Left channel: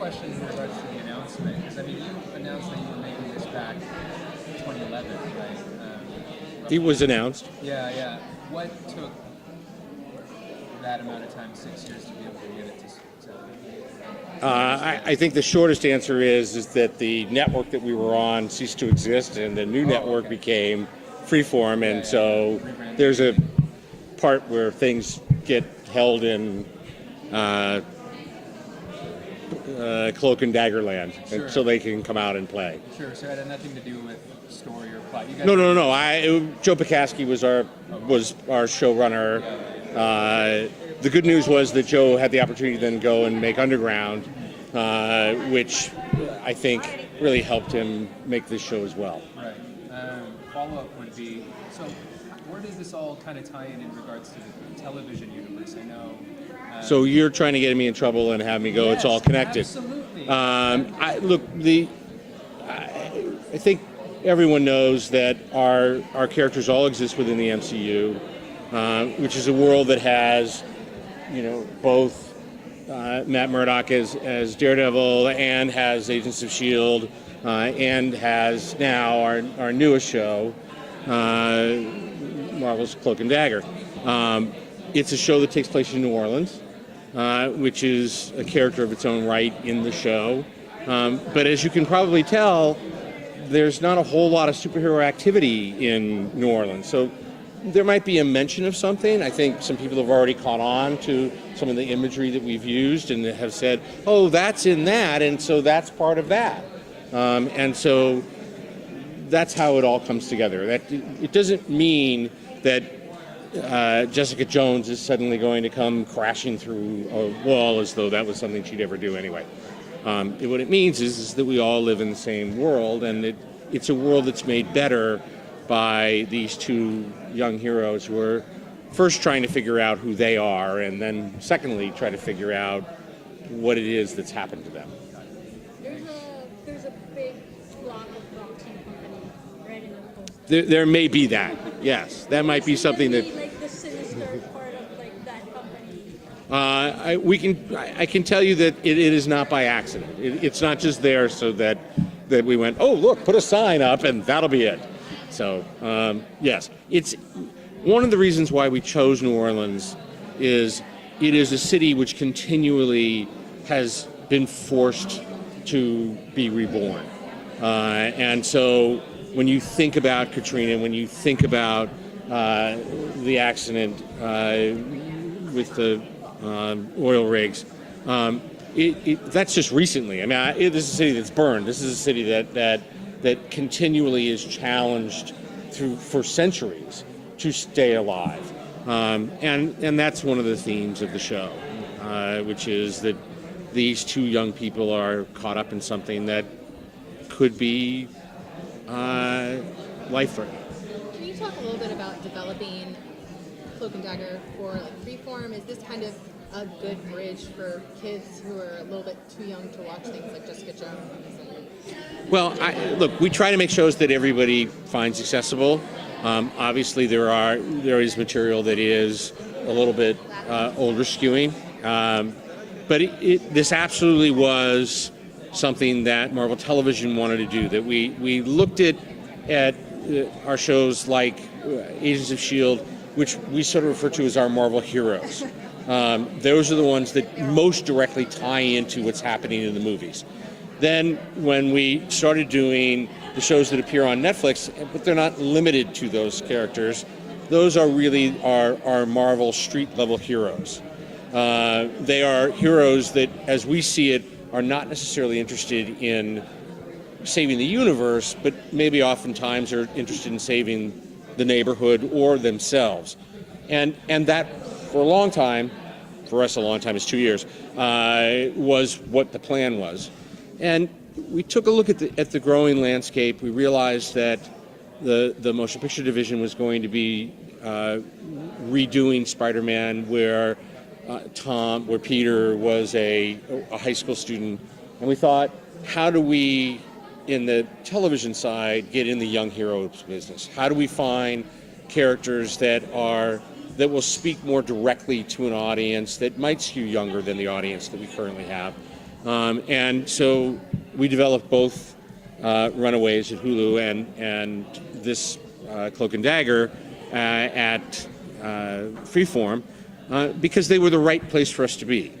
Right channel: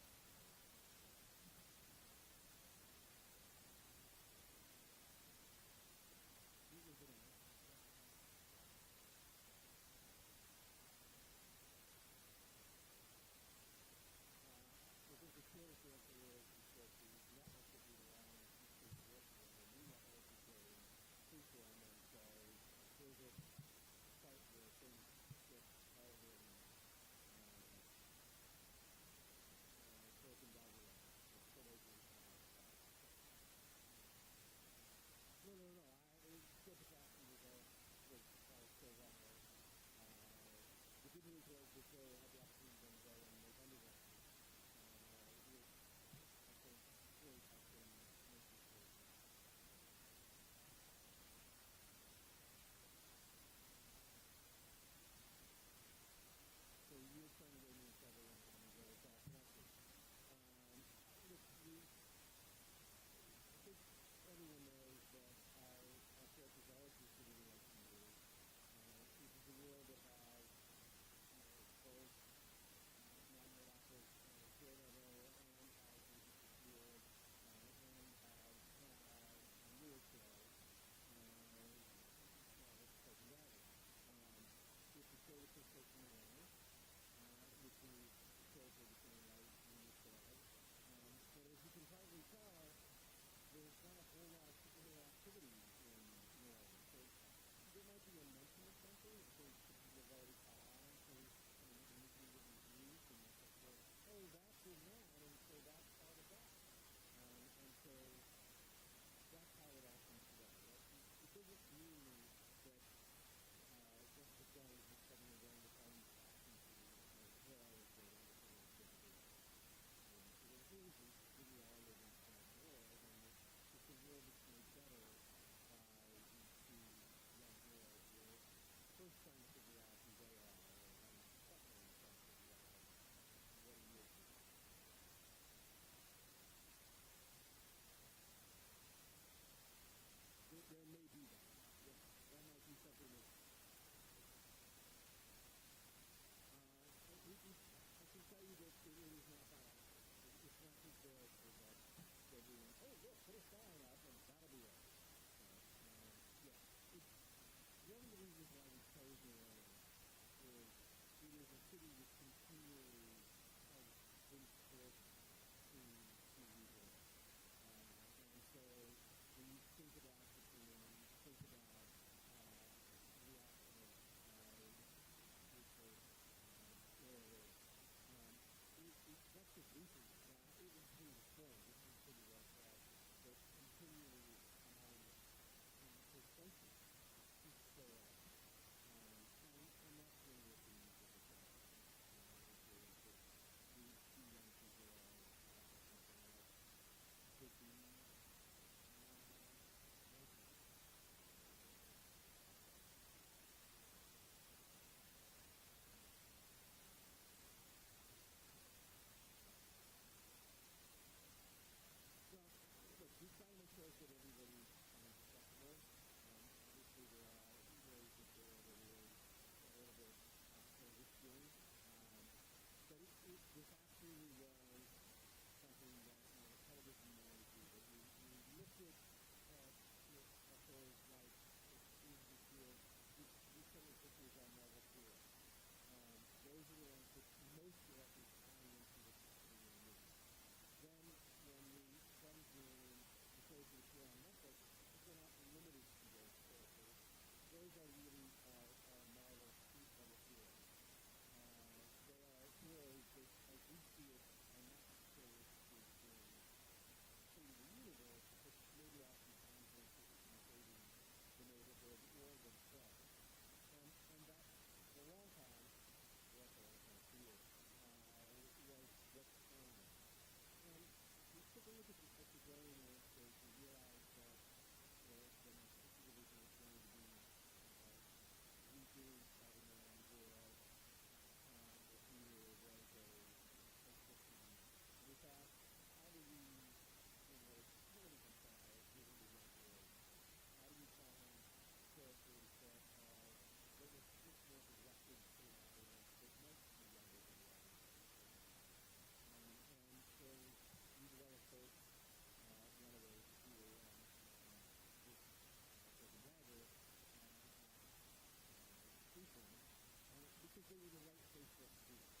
question in regards to the announcement, because I mean, you announced that you were making this back in 2011, right? It was announced. Yeah. What took that amount of time, 6 years, to be able to get it to I think the shortest answer is that the network that we were on ceased to exist, and the new network became Freeform, and so there's a part where things get held in Cloak and Dagger land, Sure. so they can come out and play. Sure, so it had nothing to do with story or plot. You guys No. Joe Pokaski was our showrunner. The good news was that Joe had the opportunity to then go and make Underground, which I think really helped him make this show as well. Right. Follow-up would be, so where does this all kind of tie in regards to the television universe? I know... So you're trying to get me in trouble and have me go, yes, it's all connected. Absolutely. I think everyone knows that our characters all exist within the MCU, which is a world that has, both Matt Murdock as Daredevil, and has Agents of S.H.I.E.L.D, and has now our newest show, Marvel's Cloak and Dagger. It's a show that takes place in New Orleans, which is a character of its own right in the show. But as you can probably tell, there's not a whole lot of superhero activity in New Orleans. So there might be a mention of something. I think some people have already caught on to some of the imagery that we've used and have said, oh, that's in that, and so that's part of that. And so that's how it all comes together. It doesn't mean that Jessica Jones is suddenly going to come crashing through a wall as though that was something she'd ever do anyway. What it means is that we all live in the same world, and it's a world that's made better by these two young heroes who are first trying to figure out who they are, and then secondly try to figure out what it is that's happened to them. There's a big block of boxing company right in the poster. There may be that, yes. That might be something that... Like the sinister part of like that company. I can tell you that it is not by accident. It's not just there so that we went, oh, look, put a sign up and that'll be it. So, yes. It's one of the reasons why we chose New Orleans is it is a city which continually has been forced to be reborn. And so when you think about Katrina, when you think about the accident with the oil rigs, that's just recently. I mean, this is a city that's burned. This is a city that continually is challenged for centuries to stay alive. And that's one of the themes of the show, which is that these two young people are caught up in something that could be life-threatening. Can you talk a little bit about developing Cloak and Dagger for Freeform? Is this kind of a good bridge for kids who are a little bit too young to watch things like Jessica Jones? Well, look, we try to make shows that everybody finds accessible. Obviously, there is material that is a little bit older skewing, but this absolutely was something that Marvel Television wanted to do. That we looked at our shows like Agents of S.H.I.E.L.D, which we sort of refer to as our Marvel heroes. Those are the ones that most directly tie into what's happening in the movies. Then when we started doing the shows that appear on Netflix, but they're not limited to those characters, those are really our Marvel street-level heroes. They are heroes that, as we see it, are not necessarily interested in saving the universe, but maybe oftentimes are interested in saving the neighborhood or themselves. And that, for a long time, for us a long time is 2 years, was what the plan was. And we took a look at the growing landscape. We realized that the motion picture division was going to be redoing Spider-Man, where Peter was a high school student, and we thought, how do we, in the television side, get in the young heroes business? How do we find characters that will speak more directly to an audience that might skew younger than the audience that we currently have? And so we developed both Runaways at Hulu and this Cloak and Dagger at Freeform because they were the right place for us to be.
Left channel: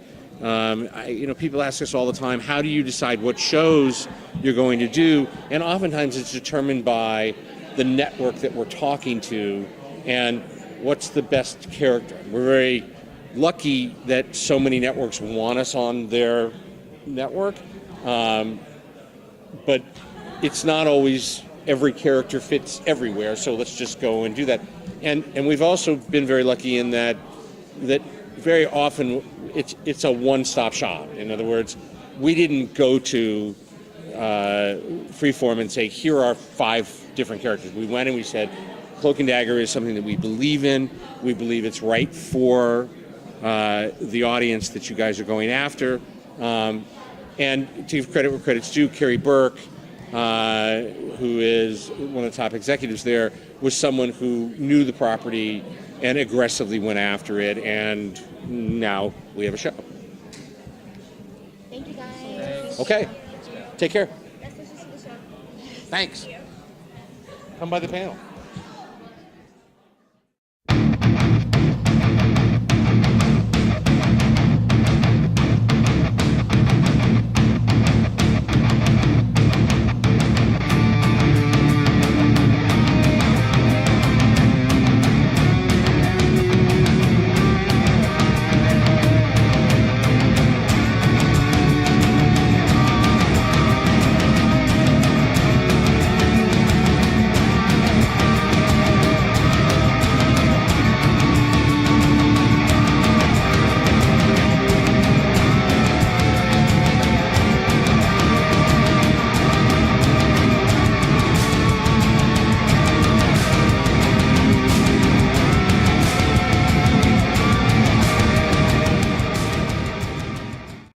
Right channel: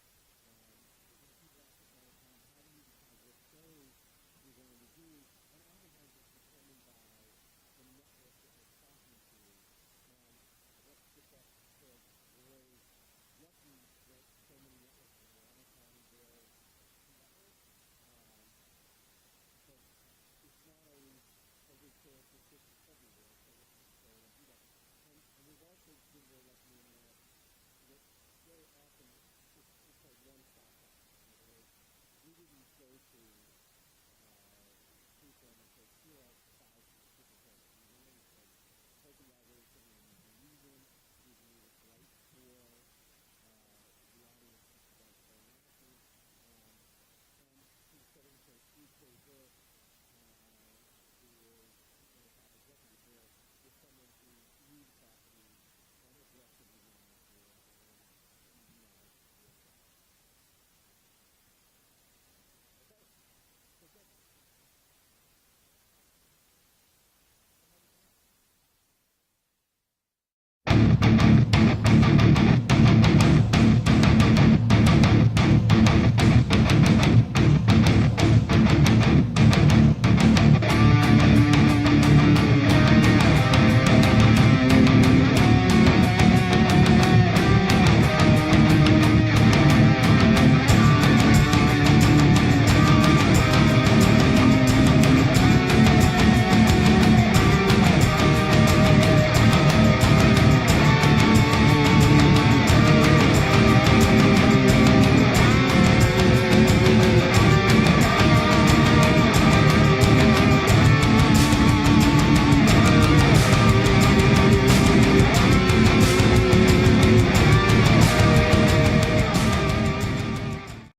People ask us all the time, how do you decide what shows you're going to do? And oftentimes it's determined by the network that we're talking to and what's the best character. We're very lucky that so many networks want us on their network, but it's not always every character fits everywhere, so let's just go and do that. And we've also been very lucky in that very often it's a one-stop shop. In other words, we didn't go to Freeform and say, here are 5 different characters. We went and we said, Cloak and Dagger is something that we believe in. We believe it's right for the audience that you guys are going after. And to give credit where credit's due, Carrie Burke, who is one of the top executives there, was someone who knew the property and aggressively went after it, and now we have a show. Thank you guys. Okay, take care. Best wishes for the show. Thanks. Come by the panel.